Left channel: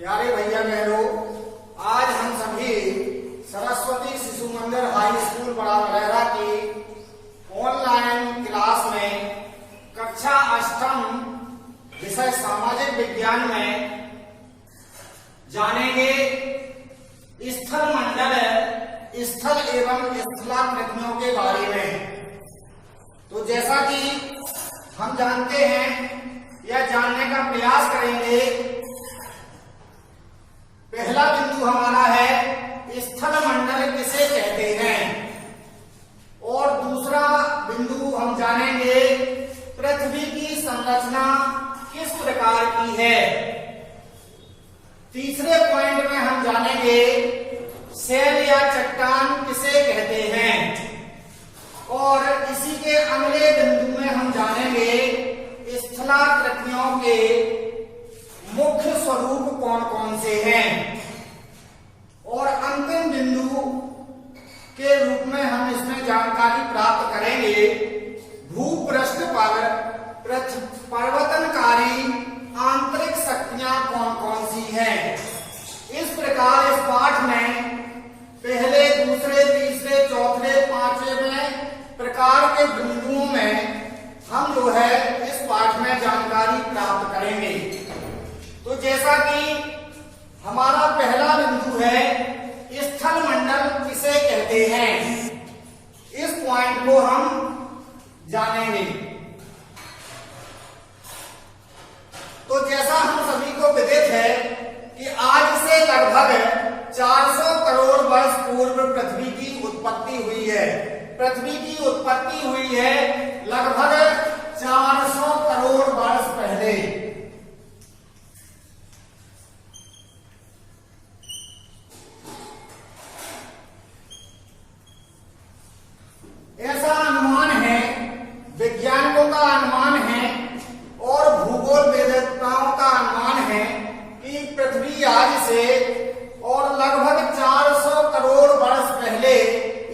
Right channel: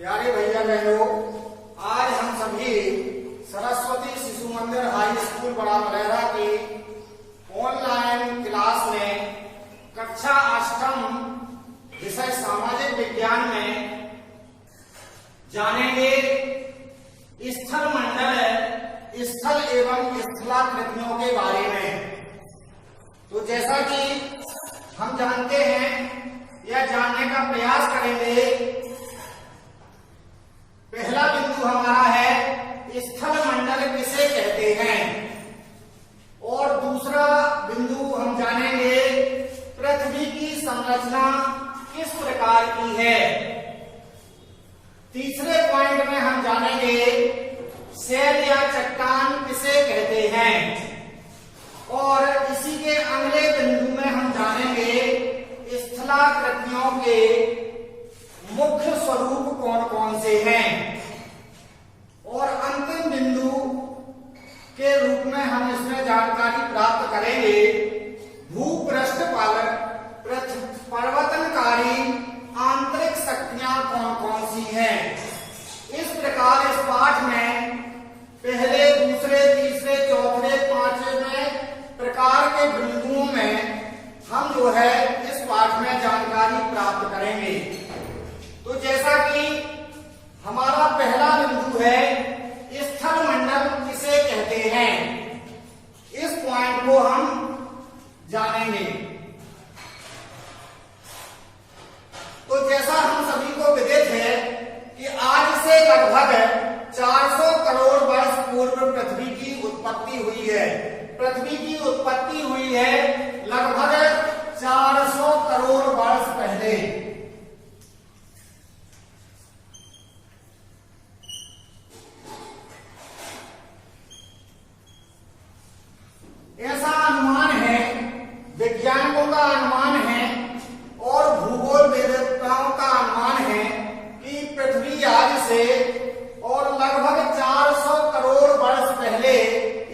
प्यारे भैया बहनों, आज हम सभी सरस्वती शिशु मंदिर हाई स्कूल बड़ा बलैरा की ऑनलाइन क्लास में कक्षा 8वीं विषय सामाजिक विज्ञान में जानेंगे स्थल मंडल, स्थल एवं स्थलाकृतियों के बारे में। तो जैसा कि हम जानते हैं या जानने का प्रयास करेंगे, पहला बिंदु हमारा है स्थल मंडल किसे कहते हैं, और दूसरा बिंदु हम जानेंगे पृथ्वी की संरचना किस प्रकार की है। तीसरे पॉइंट में हम जानेंगे शैल या चट्टान किसे कहते हैं, और इसी के अगले बिंदु में हम जानेंगे स्थलाकृतियों के मुख्य स्वरूप कौन कौन से हैं, और अंतिम बिंदु के रूप में हम इसमें जानकारी प्राप्त करेंगे भूपृष्ठ पर परिवर्तनकारी आंतरिक शक्तियां कौन कौन सी हैं। इस प्रकार इस पाठ में पहले, दूसरे, तीसरे, चौथे, पांचवें प्रकार के बिंदुओं में हम जो है इस पाठ में जानकारी प्राप्त करेंगे। तो जैसा कि हमारा पहला बिंदु है स्थल मंडल किसे कहते हैं, इस पॉइंट को हम जानेंगे। तो जैसा हम सभी को विदित है कि आज से लगभग 400 करोड़ वर्ष पूर्व पृथ्वी की उत्पत्ति हुई है। पृथ्वी की उत्पत्ति हुई है लगभग 400 करोड़ वर्ष पहले। ऐसा अनुमान है, वैज्ञानिकों का अनुमान है और भूगोल वेदताओं का अनुमान है कि पृथ्वी आज से और लगभग 400 करोड़ वर्ष पहले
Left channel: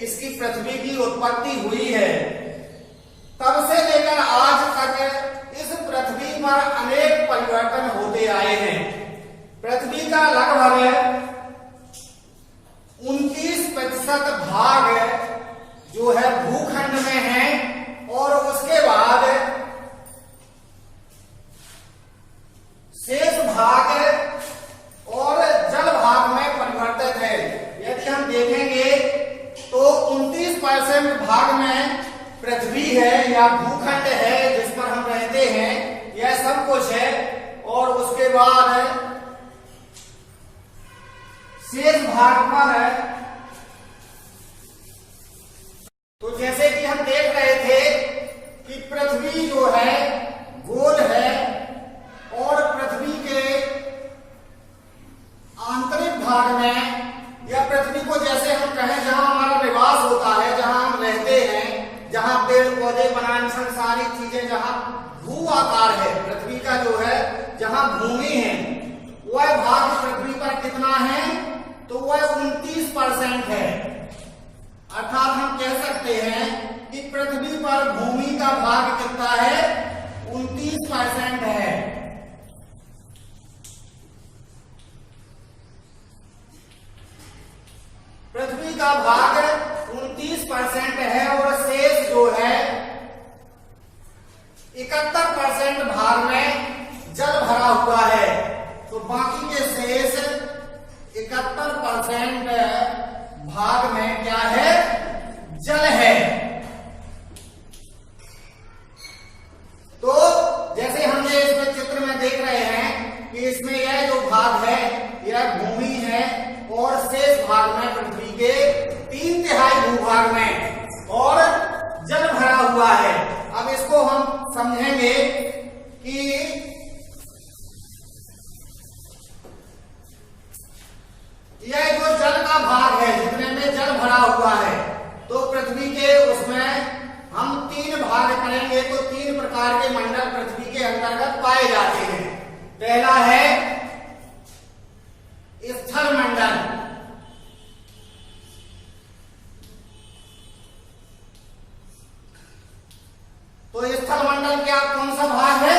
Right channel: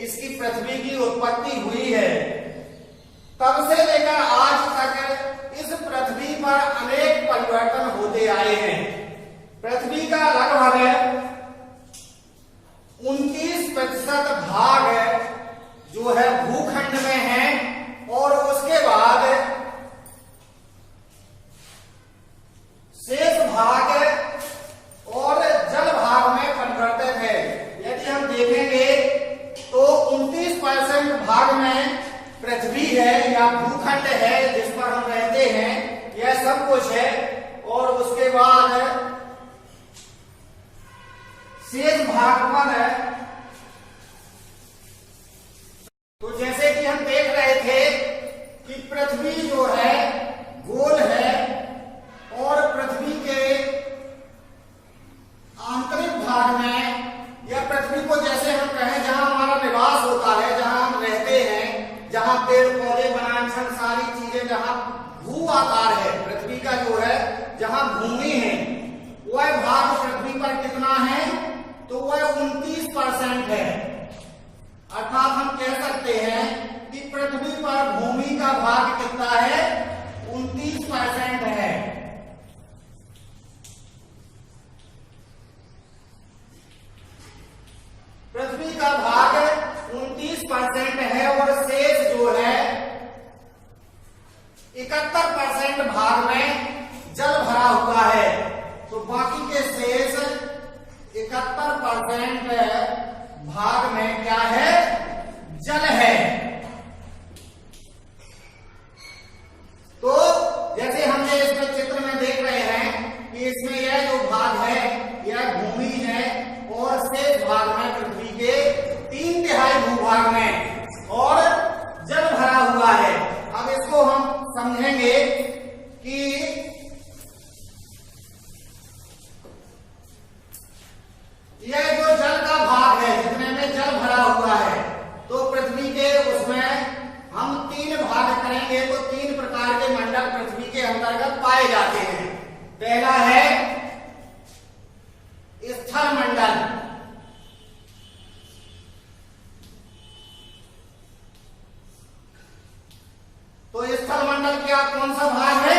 इसकी पृथ्वी की उत्पत्ति हुई है। तब से लेकर आज तक इस पृथ्वी पर अनेक परिवर्तन होते आए हैं। पृथ्वी का लगभग 29% भाग जो है भूखंड में है, और उसके बाद शेष भाग और जल भाग में परिवर्तित है। यदि हम देखेंगे तो 29% भाग में पृथ्वी है या भूखंड है जिस पर हम रहते हैं, यह सब कुछ है, और उसके बाद शेष भाग पर तो जैसे कि हम देख रहे थे कि पृथ्वी जो है गोल है, और पृथ्वी के आंतरिक भाग में, या पृथ्वी को जैसे हम कहें जहां हमारा निवास होता है, जहां हम रहते हैं, जहां पेड़ पौधे वनांचल सारी चीजें, जहां भू आकार है पृथ्वी का जो है, जहां भूमि है, वह भाग पृथ्वी पर कितना है, तो वह 29% है। अर्थात हम कह सकते हैं कि पृथ्वी पर भूमि का भाग कितना है, 29% है। पृथ्वी का भाग 29% है, और शेष जो है 71% भाग में जल भरा हुआ है। तो बाकी के शेष 71% भाग में क्या है, जल है। तो जैसे हम ये इसमें चित्र में देख रहे हैं कि इसमें यह जो भाग है यह भूमि है, और शेष भाग में पृथ्वी के 3/3 भूभाग में और जल भरा हुआ है। अब इसको हम समझेंगे कि यह जो जल का भाग है, जितने में जल भरा हुआ है, तो पृथ्वी के उसमें हम 3 भाग करेंगे तो 3 प्रकार के मंडल पृथ्वी के अंतर्गत पाए जाते हैं। पहला है स्थल मंडल। तो स्थल मंडल क्या कौन सा भाग है,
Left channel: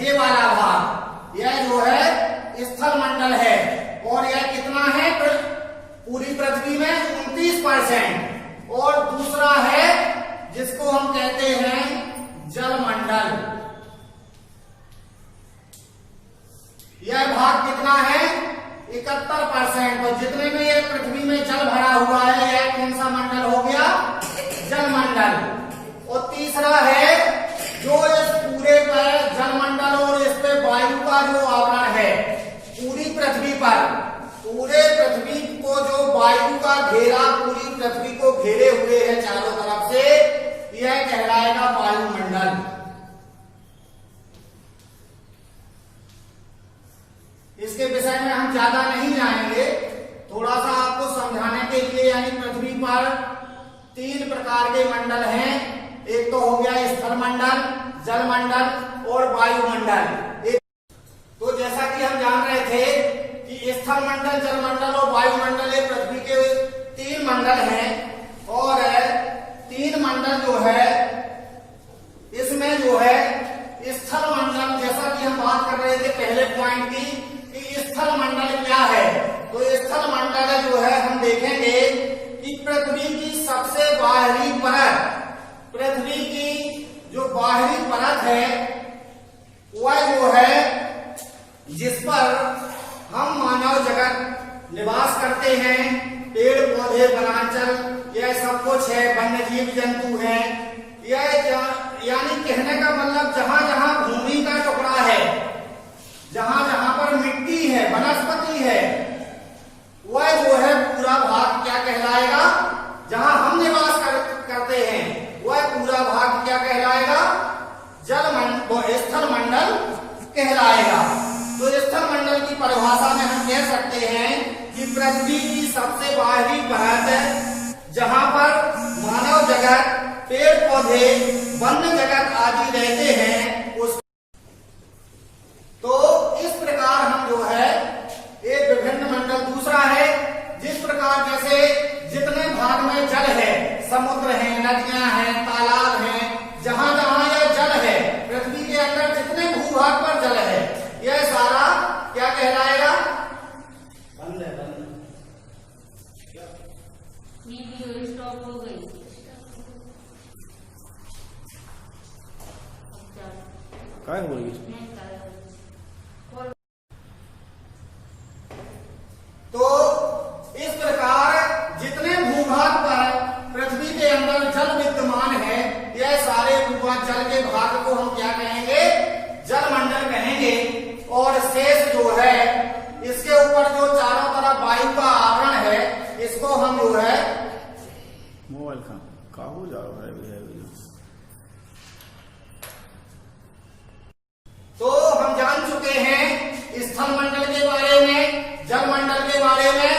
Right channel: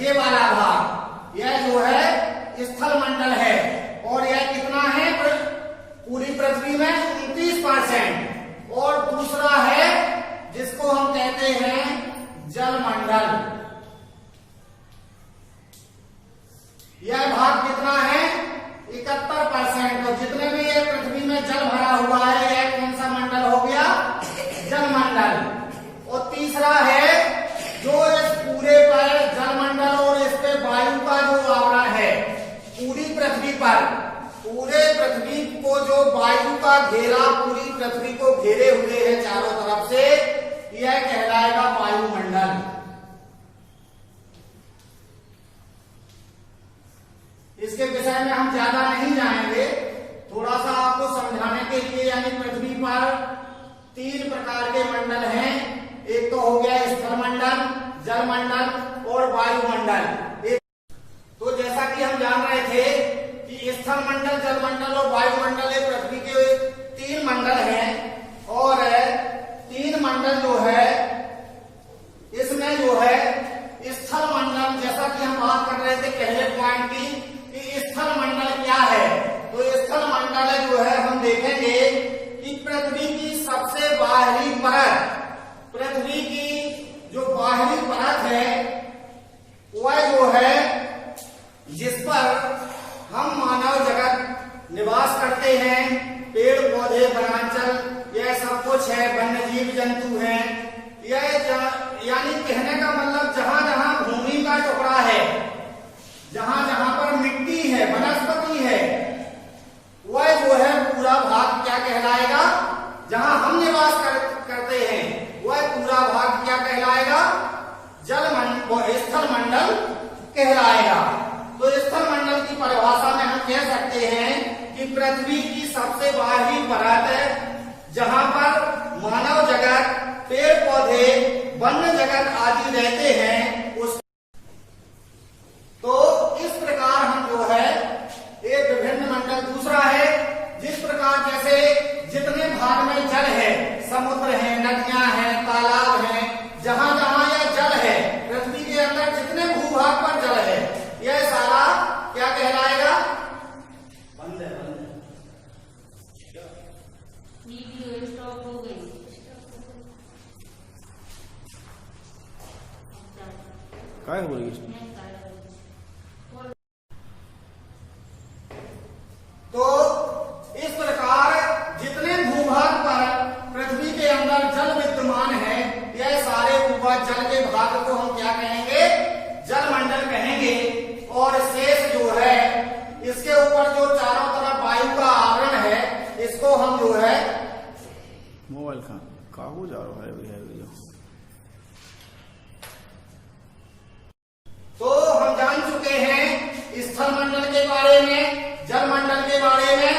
ये वाला भाग, यह जो है स्थल मंडल है। और यह कितना है पूरी पृथ्वी में 29%। और दूसरा है जिसको हम कहते हैं जलमंडल, यह भाग कितना है 71%। तो जितने में यह पृथ्वी में जल भरा हुआ है यह कौन सा मंडल हो गया, जलमंडल। और तीसरा है जो इस पूरे पर जलमंडल और इस पे वायु का जो आवरण है पूरी पृथ्वी पर, पूरे पृथ्वी को जो वायु का घेरा पूरी पृथ्वी को घेरे हुए है चारों तरफ से, यह कहलाएगा वायुमंडल। इसके विषय में हम ज्यादा नहीं जाएंगे, थोड़ा सा आपको समझाने के लिए। यानी पृथ्वी पर 3 प्रकार के मंडल हैं, एक तो हो गया स्थलमंडल, जलमंडल और वायुमंडल। तो जैसा कि हम जान रहे थे कि स्थलमंडल, जलमंडल और वायुमंडल ये पृथ्वी के 3 मंडल हैं। और 3 मंडल जो है इसमें जो है स्थलमंडल, जैसा कि हम बात कर रहे थे पहले पॉइंट की कि स्थलमंडल क्या है, तो स्थलमंडल जो है हम देखेंगे कि पृथ्वी की सबसे बाहरी परत, पृथ्वी की जो बाहरी परत है वह जो है जिस पर हम मानव जगत निवास करते हैं, पेड़ पौधे वनांचल यह सब कुछ है, वन्य जीव जंतु हैं। यह यानी कहने का मतलब जहां जहां भूमि का टुकड़ा है, जहां जहां पर मिट्टी है, वनस्पति है, वह जो है पूरा भाग क्या कहलाएगा, जहां हम निवास करते हैं वह पूरा भाग क्या कहलाएगा, स्थलमंडल कहलाएगा। तो स्थलमंडल की परिभाषा में हम कह सकते हैं कि पृथ्वी की सबसे बाहरी परत है जहां पर मानव जगत, पेड़ पौधे, वन्य जगत आदि रहते हैं उस। तो इस प्रकार हम जो है एक विभिन्न मंडल। दूसरा है जिस प्रकार जैसे जितने भाग में जल है, समुद्र है, नदियां हैं, तालाब हैं, जहां जहां यह जल है पृथ्वी के अंदर जितने भूभाग पर जल है यह सारा क्या कहलाएगा, बंद है, बंद है। स्टॉप हो गई। काय हो गई? तो इस प्रकार जितने भूभाग पर पृथ्वी के अंदर जल विद्यमान है यह सारे भूभाग जल के भाग को हम क्या कहेंगे, जलमंडल कहेंगे। और शेष जो है इसके ऊपर जो चारों तरफ वायु का आवरण है इसको हम जो है मोबाइल का हो जा रहा है जो। तो हम जान चुके हैं स्थलमंडल के बारे में, जलमंडल के बारे में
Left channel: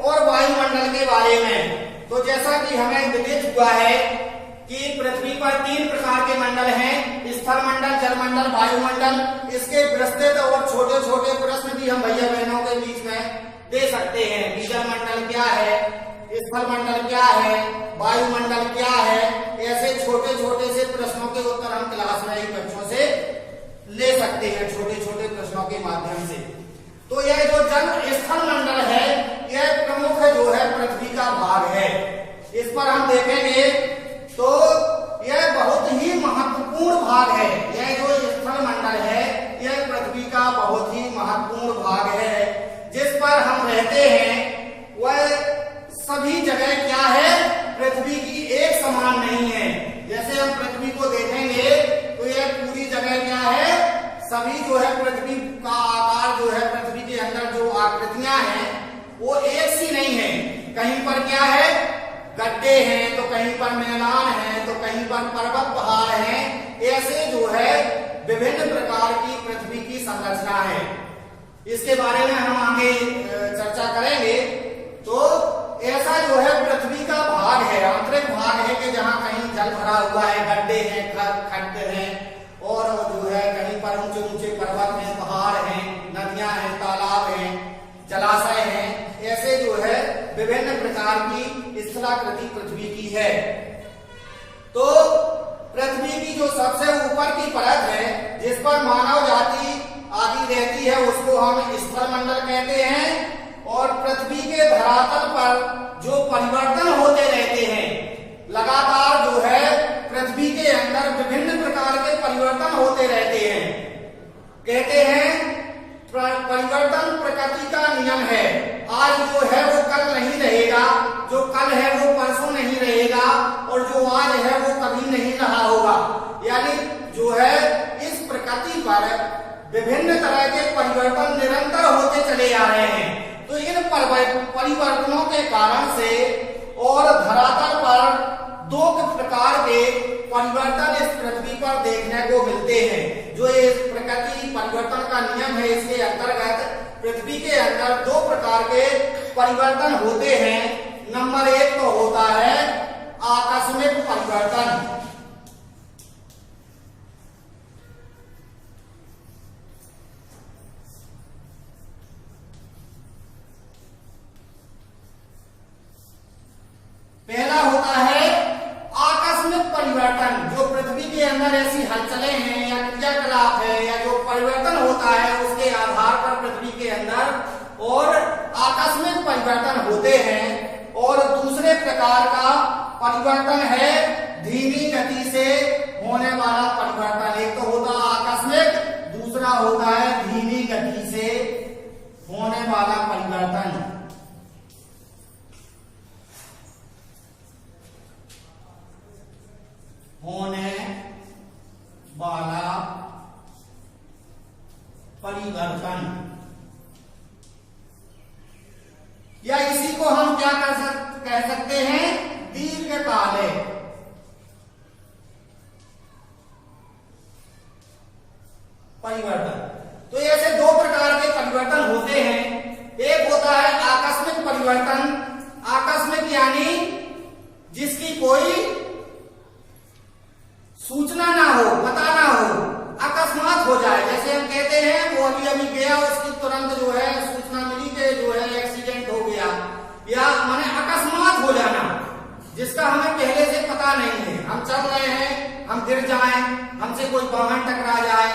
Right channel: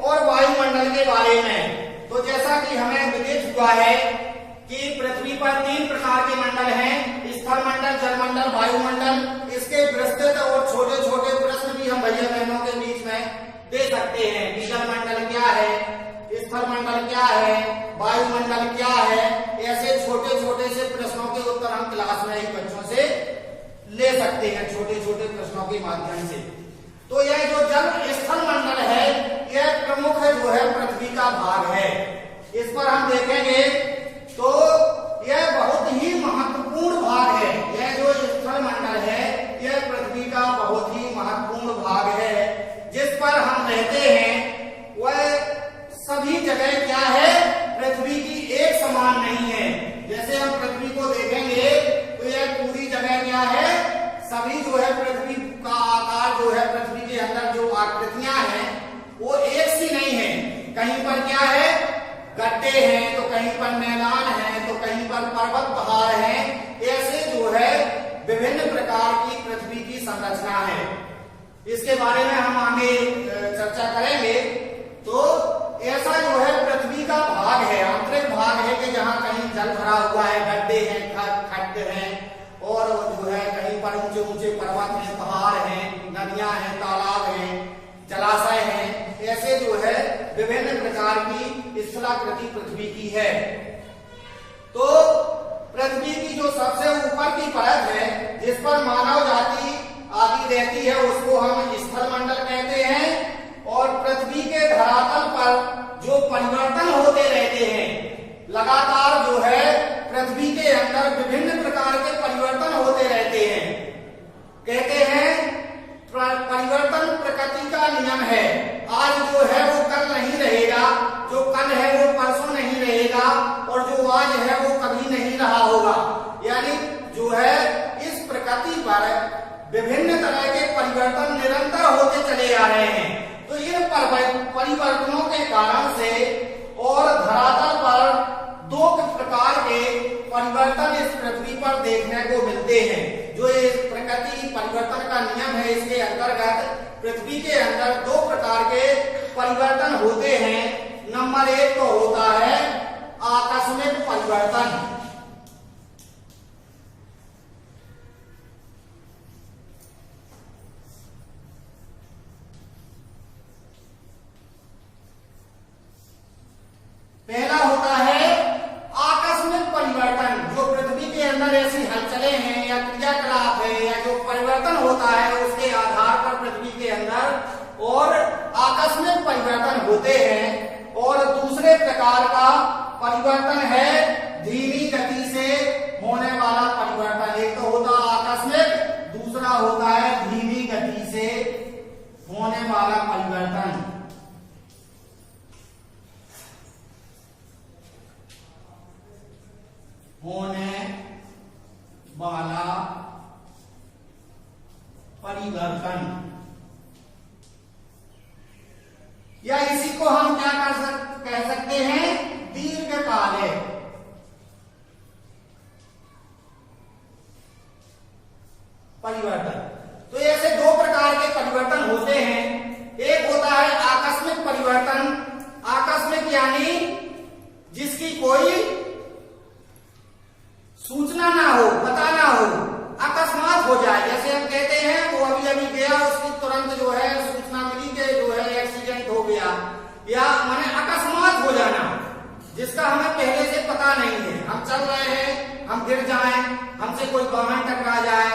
और वायुमंडल के बारे में। तो जैसा कि हमें विदित हुआ है कि पृथ्वी पर 3 प्रकार के मंडल हैं, स्थलमंडल, जलमंडल, वायुमंडल। इसके विस्तृत और छोटे छोटे प्रश्न भी हम भैया बहनों के बीच में दे सकते हैं कि जलमंडल क्या है, स्थलमंडल क्या है, वायुमंडल क्या है। ऐसे छोटे छोटे से प्रश्नों के उत्तर हम क्लास में ही बच्चों से ले सकते हैं, छोटे छोटे प्रश्नों के माध्यम से। तो यह जो जल स्थलमंडल है यह प्रमुख जो है पृथ्वी का भाग है। इस पर हम देखेंगे तो यह बहुत ही महत्वपूर्ण भाग है। यह जो स्थलमंडल है यह पृथ्वी का बहुत ही महत्वपूर्ण भाग है, जिस पर हम रहते हैं। वह सभी जगह क्या है, पृथ्वी की एक समान नहीं है। जैसे हम पृथ्वी को देखेंगे तो यह पूरी जगह क्या है, सभी जो है पृथ्वी का आकार जो है, पृथ्वी के अंदर जो आकृतियां हैं वो एक सी नहीं है। कहीं पर क्या है, गड्ढे हैं, तो कहीं पर मैदान है, तो कहीं पर पर्वत पहाड़ हैं। ऐसे जो है विभिन्न प्रकार की पृथ्वी की संरचना है। इसके बारे में हम आगे चर्चा करेंगे। तो ऐसा जो है पृथ्वी का भाग है, आंतरिक भाग है कि जहां कहीं जल भरा हुआ है, गड्ढे हैं, खड्ड हैं, और जो है कहीं पर ऊंचे ऊंचे पर्वत हैं, पहाड़ हैं, नदियां हैं, तालाब हैं, जलाशय हैं। ऐसे जो है विभिन्न प्रकार की स्थलाकृति पृथ्वी की है। तो पृथ्वी की जो सबसे ऊपर की परत है जिस पर मानव जाति आदि रहती है उसको हम स्थलमंडल कहते हैं। परिवर्तन प्रकृति का नियम है। आज जो है वो कल नहीं रहेगा, जो कल है वो परसों नहीं रहेगा, और जो आज है वो कभी नहीं रहा होगा। यानी जो है इस प्रकृति पर विभिन्न तरह के परिवर्तन निरंतर होते चले आ रहे हैं। तो इन परिवर्तनों के कारण से और धरातल पर दो प्रकार के परिवर्तन इस पृथ्वी पर देखने को मिलते हैं। जो ये प्रकृति परिवर्तन का नियम है, इसके अंतर्गत पृथ्वी के अंदर दो प्रकार के परिवर्तन होते हैं। नंबर एक तो होता है आकस्मिक परिवर्तन। पहला होता है आकस्मिक परिवर्तन, जो पृथ्वी के अंदर ऐसी हलचलें हैं या क्रियाकलाप है या जो परिवर्तन होता है उसके आधार पर पृथ्वी के अंदर और आकस्मिक परिवर्तन होते हैं। और दूसरे प्रकार का परिवर्तन है धीमी गति से होने वाला परिवर्तन। एक तो होता है आकस्मिक, दूसरा होता है धीमी गति से होने वाला परिवर्तन। होने वाला परिवर्तन, या इसी को हम क्या कह सकते हैं, दीर्घकालिक परिवर्तन। तो ऐसे दो प्रकार के परिवर्तन होते हैं। एक होता है आकस्मिक परिवर्तन। आकस्मिक यानी जिसकी कोई सूचना ना हो, पता ना हो, अकस्मात हो जाए। जैसे हम कहते हैं वो अभी अभी गया, उसकी तुरंत जो है सूचना मिली कि जो है एक्सीडेंट हो गया, या माने अकस्मात हो जाना जिसका हमें पहले से पता नहीं है। हम चल रहे हैं, हम गिर जाएं, हमसे कोई वाहन टकरा जाए,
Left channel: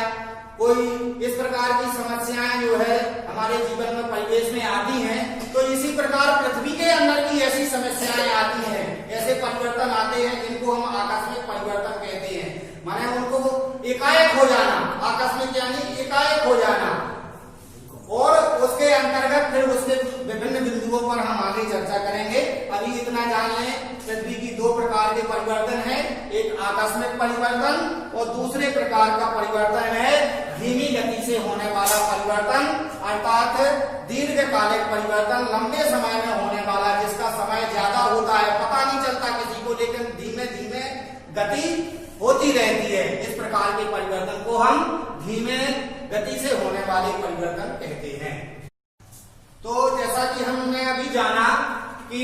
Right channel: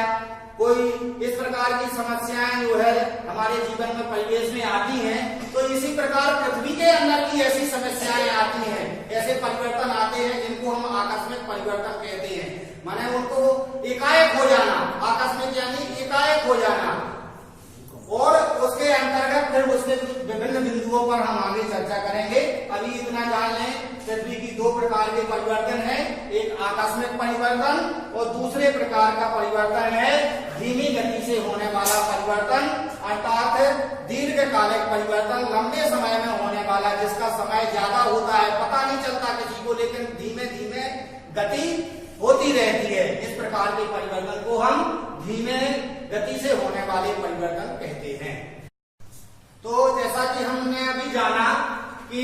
कोई इस प्रकार की समस्याएं जो है हमारे जीवन में परिवेश में आती हैं। तो इसी प्रकार पृथ्वी के अंदर की ऐसी समस्याएं आती हैं, ऐसे परिवर्तन आते हैं जिनको हम आकस्मिक परिवर्तन कहते हैं। माने उनको एकाएक हो जाना, आकस्मिक यानी एकाएक हो जाना। और उसके अंतर्गत फिर उसके विभिन्न बिंदुओं पर हम आगे चर्चा करेंगे। अभी इतना जान लें, पृथ्वी की दो प्रकार के परिवर्तन है, एक आकस्मिक परिवर्तन और दूसरे प्रकार का परिवर्तन है धीमी गति से होने वाला परिवर्तन, अर्थात दीर्घकालिक परिवर्तन, लंबे समय में होने वाला, जिसका समय ज्यादा होता है, पता नहीं चलता किसी को, लेकिन धीमे धीमे गति होती रहती है। इस प्रकार के परिवर्तन को हम धीमे गति से होने वाले परिवर्तन कहते हैं। तो जैसा कि हमने अभी जाना कि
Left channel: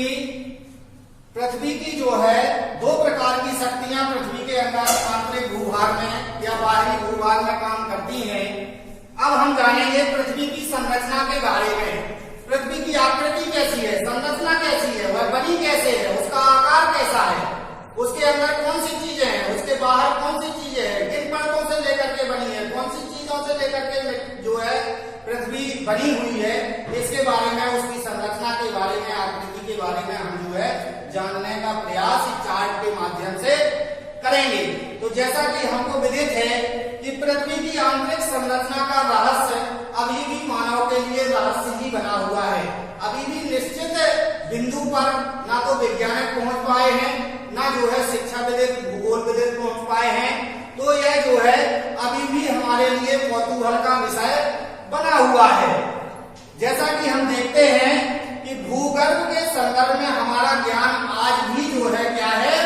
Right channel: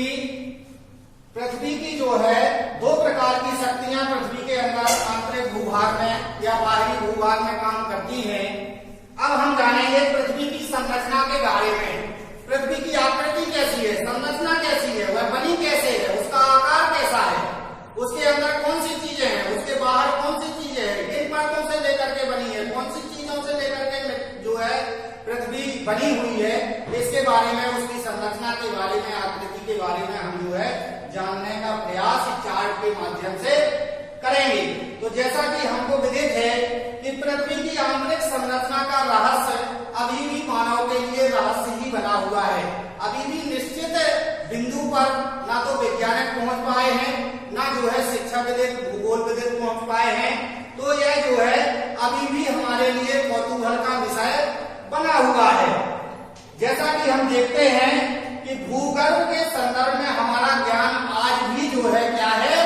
पृथ्वी की जो है दो प्रकार की शक्तियां पृथ्वी के अंदर आंतरिक भूभाग में या बाहरी भूभाग में काम करती हैं। अब हम जानेंगे पृथ्वी की संरचना के बारे में। पृथ्वी की आकृति कैसी है, संरचना कैसी है, वह बनी कैसे है, उसका आकार कैसा है, उसके अंदर कौन सी चीजें हैं, उसके बाहर कौन सी चीजें हैं, किन परतों से लेकर के बनी है, कौन सी चीजों से लेकर के जो है पृथ्वी बनी हुई है, इसके बारे में, उसकी संरचना के बारे में, आकृति के बारे में हम जो है जानने का प्रयास चार्ट के माध्यम से करेंगे। तो जैसा कि हमको विदित है कि पृथ्वी की आंतरिक संरचना का रहस्य अभी भी मानव के लिए रहस्य ही बना हुआ है। अभी भी निश्चित बिंदु पर ना तो वैज्ञानिक पहुंच पाए हैं, ना जो है शिक्षाविद, भूगोलविद पहुंच पाए हैं। तो यह जो है अभी भी हमारे लिए कौतूहल का विषय बना हुआ है। जैसा कि हम देखते हैं कि भूगर्भ के संदर्भ में हमारा ज्ञान आज भी जो है क्या है,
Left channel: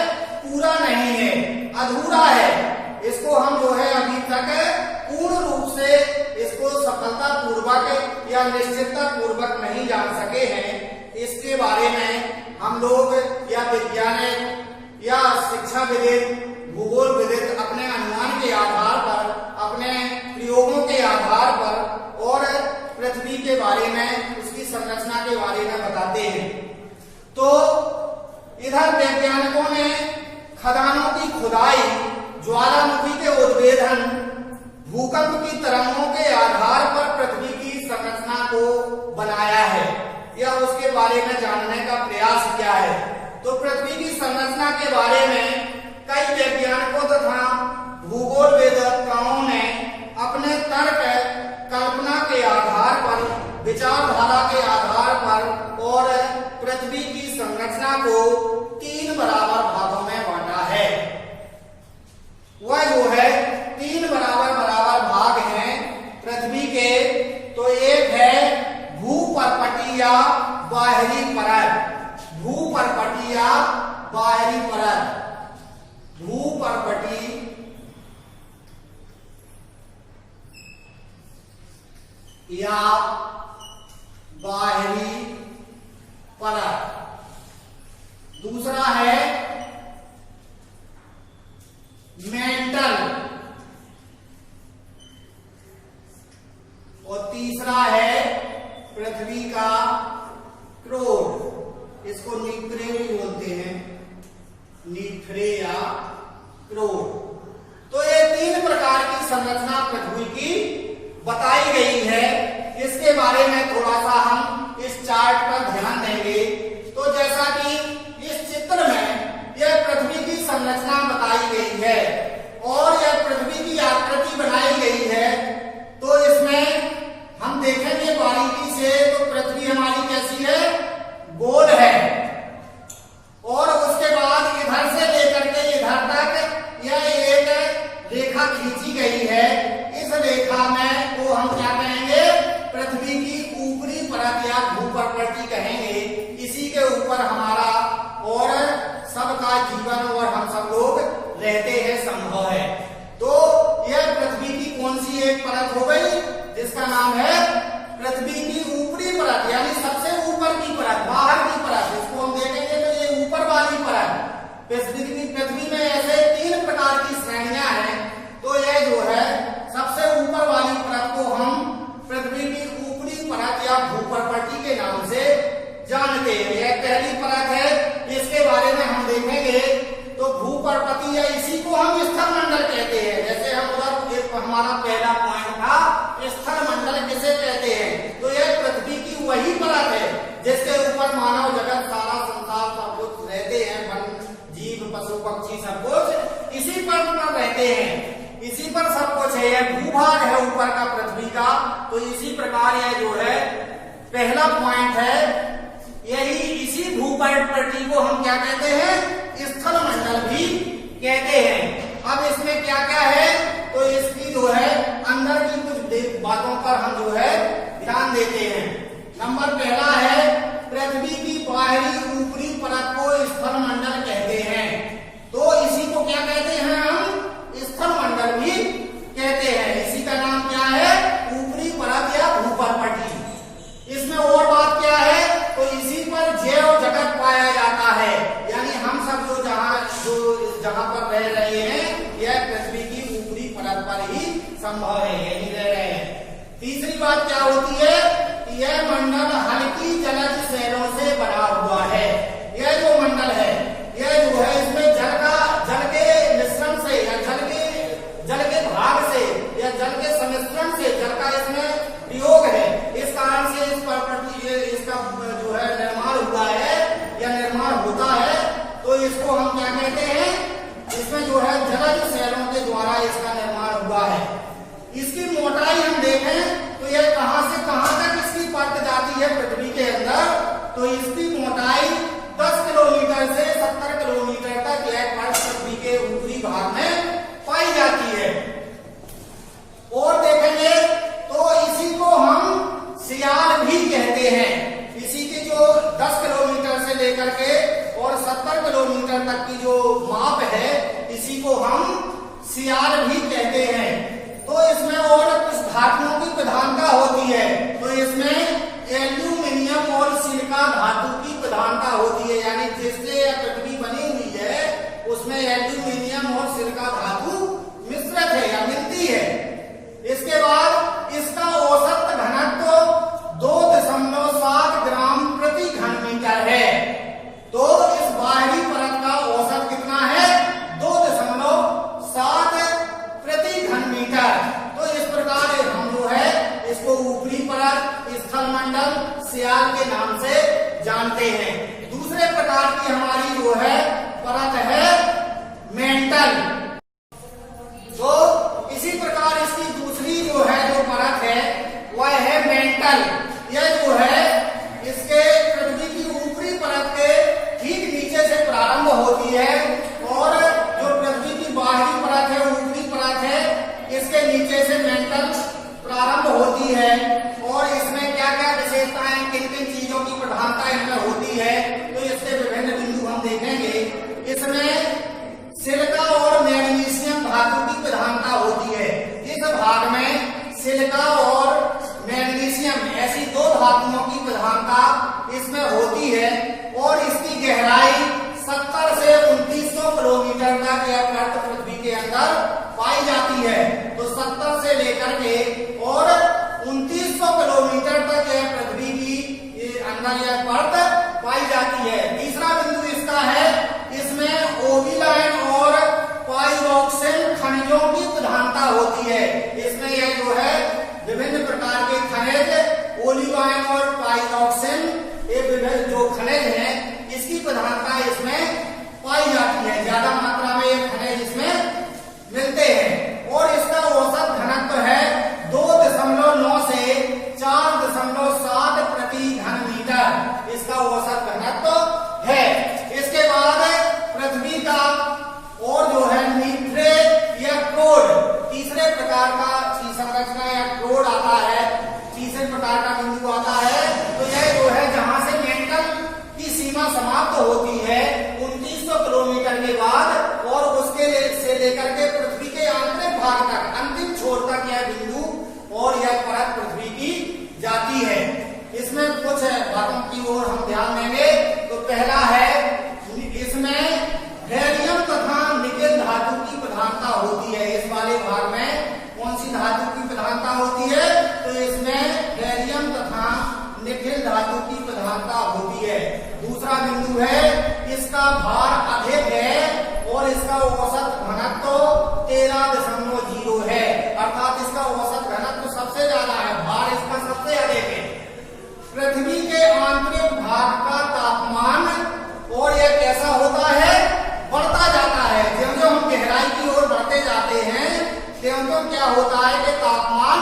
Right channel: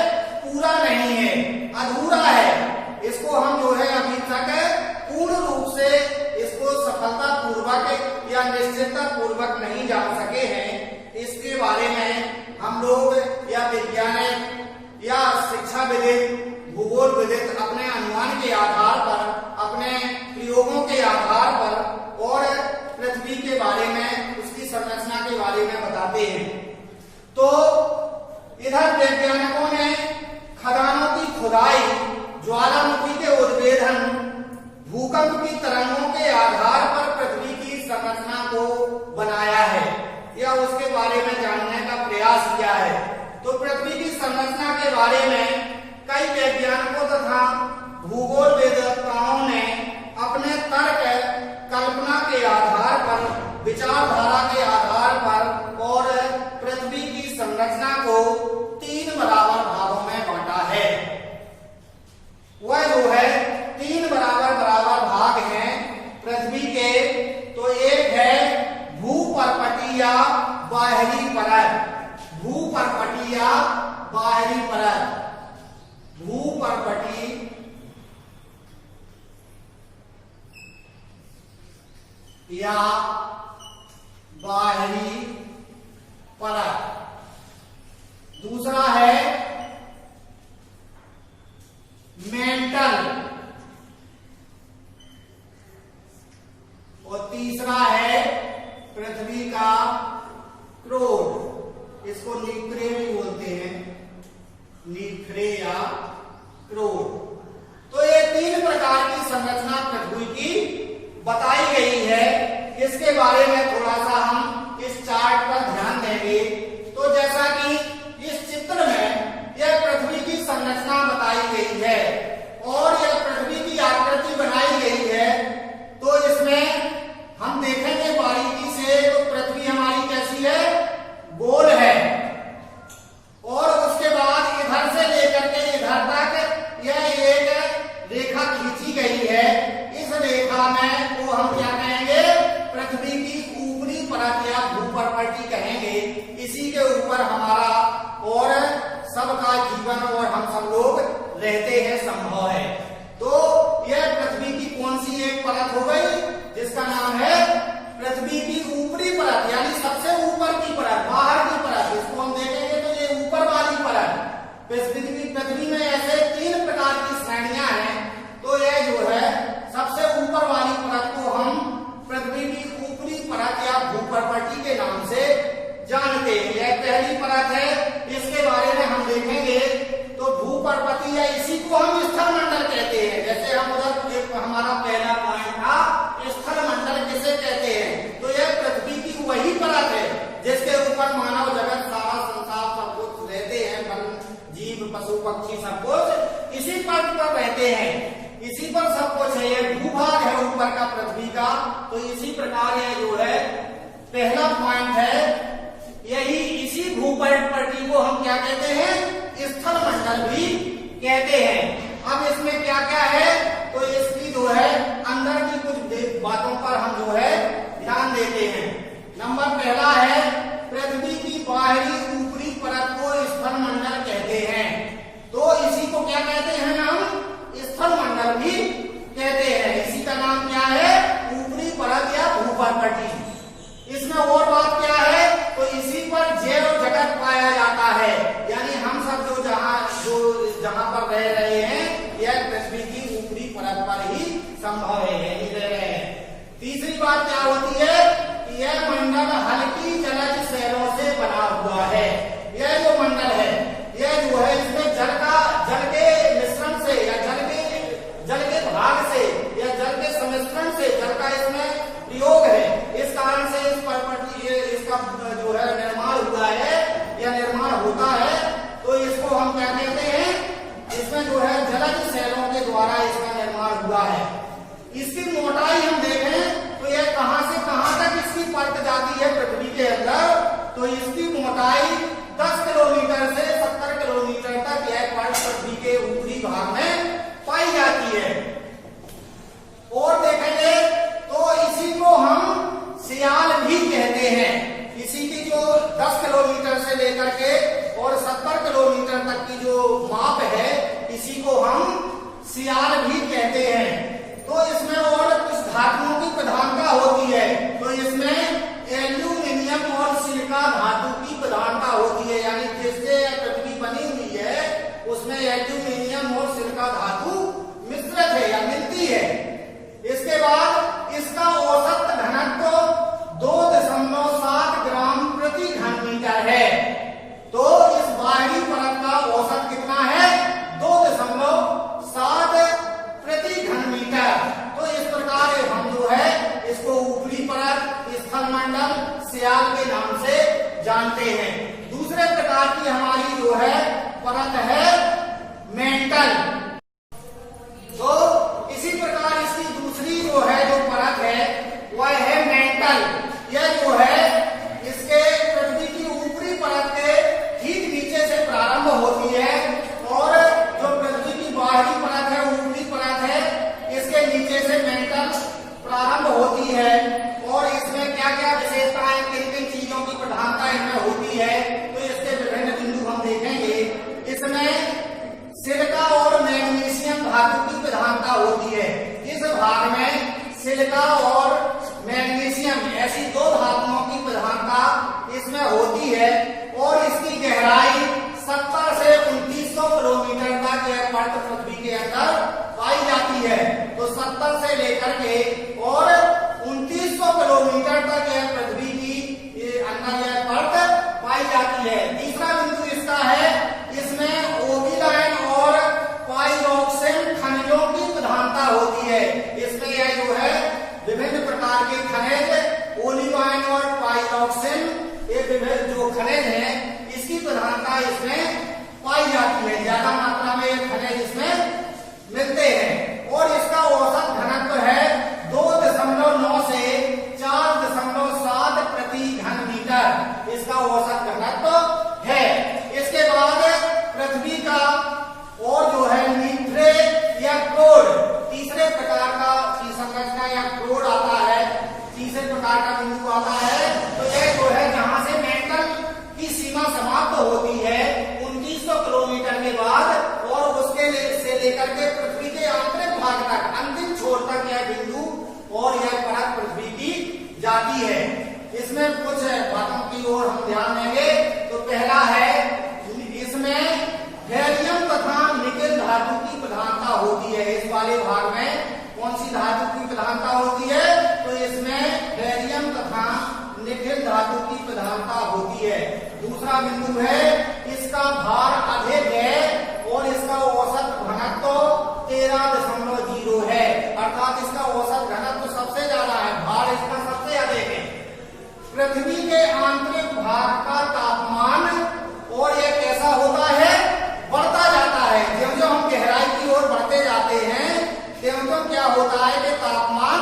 पूरा नहीं है, अधूरा है। इसको हम जो है अभी तक पूर्ण रूप से इसको सफलता पूर्वक या निश्चितता पूर्वक नहीं जान सके हैं। इसके बारे में हम लोग या वैज्ञानिक या शिक्षाविद, भूगोलविद अपने अनुमान के आधार पर, अपने प्रयोगों के आधार पर और पृथ्वी के बारे में, उसकी संरचना के बारे में बताते हैं। तो इधर वैज्ञानिकों ने खदानों की खुदाई, ज्वालामुखी के उद्भेदन, भूकंप की तरंगों के आधार पर पृथ्वी की संरचना को बनाया है या उसके बारे में जानने का प्रयास किया है। तो पृथ्वी की संरचना के बारे में कई वैज्ञानिकों तथा भूगोलवेदताओं ने अपने तर्क कल्पना के आधार पर, विचारधारा के आधार पर और पृथ्वी की संरचना को 3 बराबर भागों में बांटा है। वह जो है 3 बराबर भाग हैं पृथ्वी के। तो एक है भूपर्पटीय बाहरी परत, भूपर्पटीय बाहरी परत, भूपर्पटीय या बाहरी परत। दूसरा है मेंटल और तीसरा है पृथ्वी का क्रोड, इसको निक्रे भी बोलते हैं, निक्रे या क्रोड। तो ये 3 प्रकार की संरचना पृथ्वी की बताई गई है। इसके बारे में थोड़ा सा हम इस चार्ट पर ध्यान देंगे। तो जैसा कि इस चित्र में यह पृथ्वी की संरचना बताई गई है और यह पृथ्वी की आकृति बनाई गई है। तो इसमें हम देखेंगे बारीकी से तो पृथ्वी हमारी कैसी है, गोल है। और उसके बाद इधर से लेकर के इधर तक यह एक रेखा खींची गई है। इस रेखा में को हम क्या कहेंगे, पृथ्वी की ऊपरी परत या भूपर्पटी कहेंगे। इसी के ऊपर हमारा और सबका जीवन और हम सब लोग रहते हैं संभव है। तो यह पृथ्वी की कौन सी एक परत हो गई, जिसका नाम है पृथ्वी की ऊपरी परत, यानी सबसे ऊपर की परत, बाहर की परत। इसको हम देखेंगे तो ये ऊपर वाली परत। पृथ्वी में ऐसे 3 प्रकार की श्रेणियां हैं। तो यह जो है सबसे ऊपर वाली परत को हम पृथ्वी की ऊपरी परत या भूपर्पटी के नाम से जानते हैं। यह पहली परत है, इसके बारे में हम देखेंगे। तो भूपर्पटी या इसी को हम स्थल मंडल कहते हैं। जैसे हम हमारा पहला पॉइंट था, स्थल मंडल किसे कहते हैं। तो यह पृथ्वी की वही परत है जिसके ऊपर मानव जगत, सारा संसार सब कुछ रहते हैं, वन जीव पशु पक्षी सब कुछ इसी पर रहते हैं, इसी पर सब कुछ है। यह भूभाग है ऊपर का पृथ्वी का। तो इसी प्रकार यह जो है पहला पॉइंट है, यही इसी भूपर्पटी को हम क्या कहते हैं, स्थल मंडल भी कहते हैं। अब इसमें क्या क्या है, तो इसकी जो है अंदर की कुछ बातों पर हम जो है ध्यान देते हैं। नंबर पहला है, पृथ्वी की बाहरी ऊपरी परत को स्थल मंडल कहते हैं। तो इसी को क्या कहते हैं, हम स्थल मंडल भी कहते हैं। इसी का नाम क्या है, ऊपरी परत या भूपर्पटी। इसमें और बात क्या है, तो इसी पर जैव जगत पाया जाता है, यानी हम सब जो जहां पर रह रहे हैं यह पृथ्वी की ऊपरी परत पर ही संभव है, यही रह रहे हैं। तीसरी बात क्या होती है कि यह मंडल हल्की जलज शैलों से बना हुआ है। यह जो मंडल है, यह जो है इसमें जल के मिश्रण से या जल के भाग से या जल के सम्मिश्रण से जल का इसमें प्रयोग है। इस कारण से इस पर्पटी इसका जो है निर्माण हुआ है या निर्माण होता है। तो इसको हम क्या कहते हैं, इसमें जो है जलज शैलों के द्वारा इसका निर्माण हुआ है। इसकी मोटाई हम देखें तो यह कहां से कहां तक इसकी परत जाती है पृथ्वी के अंदर। तो इसकी मोटाई 10 किलोमीटर से 70 किलोमीटर तक यह परत पृथ्वी के ऊपरी भाग में पाई जाती है। और देखेंगे तो इसी को हम सियाल भी कहते हैं। इसी की जो 10 किलोमीटर से लेकर के और 70 किलोमीटर तक की जो माप है, इसी को हम सियाल भी कहते हैं। तो इसमें और कुछ धातुओं की प्रधानता होती है। तो इसमें एल्यूमिनियम और सिलिका धातु की प्रधानता होती है, यानी जिससे यह पृथ्वी बनी हुई है उसमें एल्यूमिनियम और सिलिका धातु मिश्रित है या मिलती है। इसके बाद इसका औसत घनत्व 2.7 ग्राम प्रति घन मीटर है। तो इस बाहरी परत का औसत कितना है, 2.7 प्रति घन मीटर। तो इस प्रकार हम जो है इसको ऊपरी परत, स्थल मंडल, सियाल के नाम से जानते हैं। दूसरे प्रकार की हमारी जो है परत है मेंटल। तो इसी प्रकार इसकी दूसरी जो है जो परत है है तो इसके विभिन्न बिंदु हम देखेंगे। इसमें सिलिका और मैग्नीशियम धातु की प्रधानता होती है। इस भाग में सिलिका और मैग्नीशियम ऐसी दो धातुओं की प्रधानता इसमें होती है और इसकी गहराई 70 से 2900 किलोमीटर तक यह परत पृथ्वी के अंदर पाई जाती है। तो 70 से लेकर के और 2900 किलोमीटर तक यह पृथ्वी की अंदर यह परत पाई जाती है। तीसरा बिंदु इसका है, इसमें ओविलाइन और पाइरोक्सिन खनिजों की प्रधानता होती है। इसमें यह जो है विभिन्न प्रकार के खनिज ओलिवाइन और पाइरोक्सिन, ये विभिन्न जो खनिज हैं इसकी प्रधानता इसमें पाई जाती है। ज्यादा मात्रा में ये खनिज इसमें मिलते हैं और इसका औसत घनत्व है 2.9 से 4.7 प्रति घन मीटर इसका औसत घनत्व है। इसके बाद पृथ्वी का और जो है नीट्रेट या क्रोड, तीसरे प्रकार का संरचना या क्रोड आता है, तीसरे प्रकार का बिंदु आता है। तो यह जो है जहां से मेंटल की सीमा समाप्त होती है 2900 किलोमीटर के बाद और उसके से लेकर के पृथ्वी के आंतरिक भाग तक अंतिम छोर तक यह बिंदु और यह परत पृथ्वी की जाती है। इसमें कुछ बातों की ओर हम ध्यान देंगे। तो पहला है, इसमें हेलियम तथा निकेल धातु की प्रधानता होती है। इस वाले भाग में कौन सी धातु की प्रधानता होती है? तो इसमें हेलियम तथा निकेल धातु की प्रधानता होती है। दूसरा बिंदु है, इसका भार अधिक है और इसका औसत घनत्व 13.0 है, अर्थात इसका औसत घनत्व सबसे ज्यादा है, भार इसका सबसे अधिक है। पृथ्वी के आंतरिक भाग का तापमान और यह कैसा होता है? बढ़ता जाता है। ज्यों-ज्यों हम गहराई की ओर बढ़ते जाते हैं त्यों-त्यों क्या होता है कि तापमान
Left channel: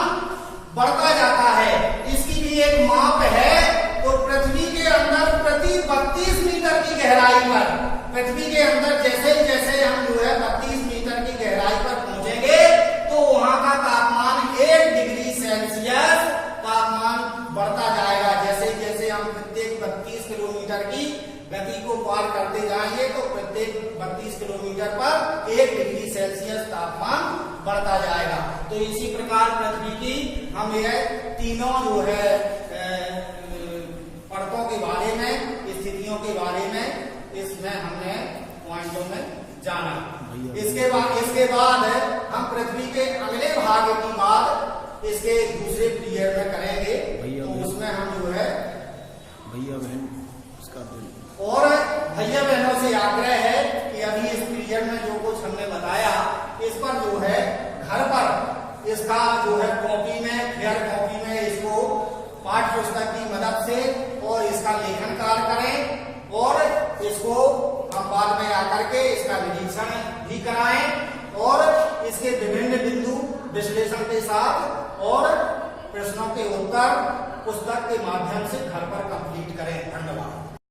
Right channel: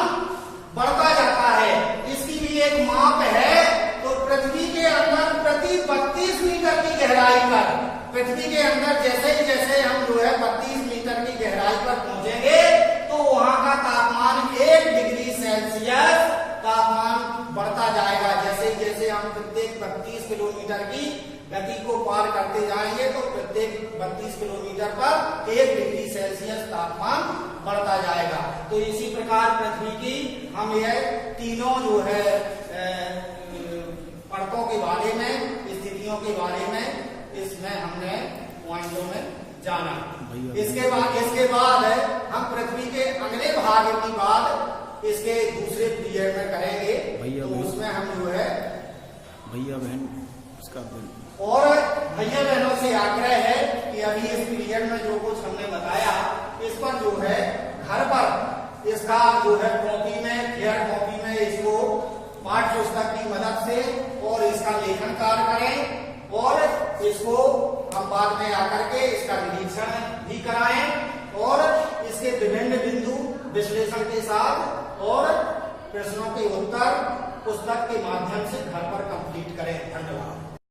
बढ़ता जाता है। इसकी भी एक माप है। तो पृथ्वी के अंदर प्रति 32 मीटर की गहराई पर, पृथ्वी के अंदर जैसे जैसे हम जो है 32 मीटर की गहराई पर पहुंचेंगे तो वहां का तापमान 1 डिग्री सेल्सियस तापमान बढ़ता जाएगा। जैसे जैसे हम प्रत्येक 32 किलोमीटर की गति को पार करते जाएंगे तो प्रत्येक 32 किलोमीटर पर 1 डिग्री सेल्सियस तापमान बढ़ता जाएगा। तो इसी प्रकार पृथ्वी की हम यह तीनों जो है परतों के बारे में, स्थितियों के बारे में इसमें हमने पॉइंटों में जाना। इसके बाद हम पृथ्वी के अगले भाग की बात इसके दूसरे पीरियड में करेंगे। तो उसमें हम जो है भैया बहन इसका और भैया बहनों से आग्रह है कि अभी इस पीरियड में जो कुछ हमने बताया इस पर जो है घर पर इसका जो है कॉपी में, फेयर कॉपी में इसको पाठ्य पुस्तक की मदद से और इसका लेखन कार्य करें और इसको हम बाद में आकर के इसका निरीक्षण भी कराएं और इसके विभिन्न बिंदु विश्लेषण के साथ और प्रश्नों के उत्तर पुस्तक के माध्यम से घर पर कंप्लीट करें। धन्यवाद।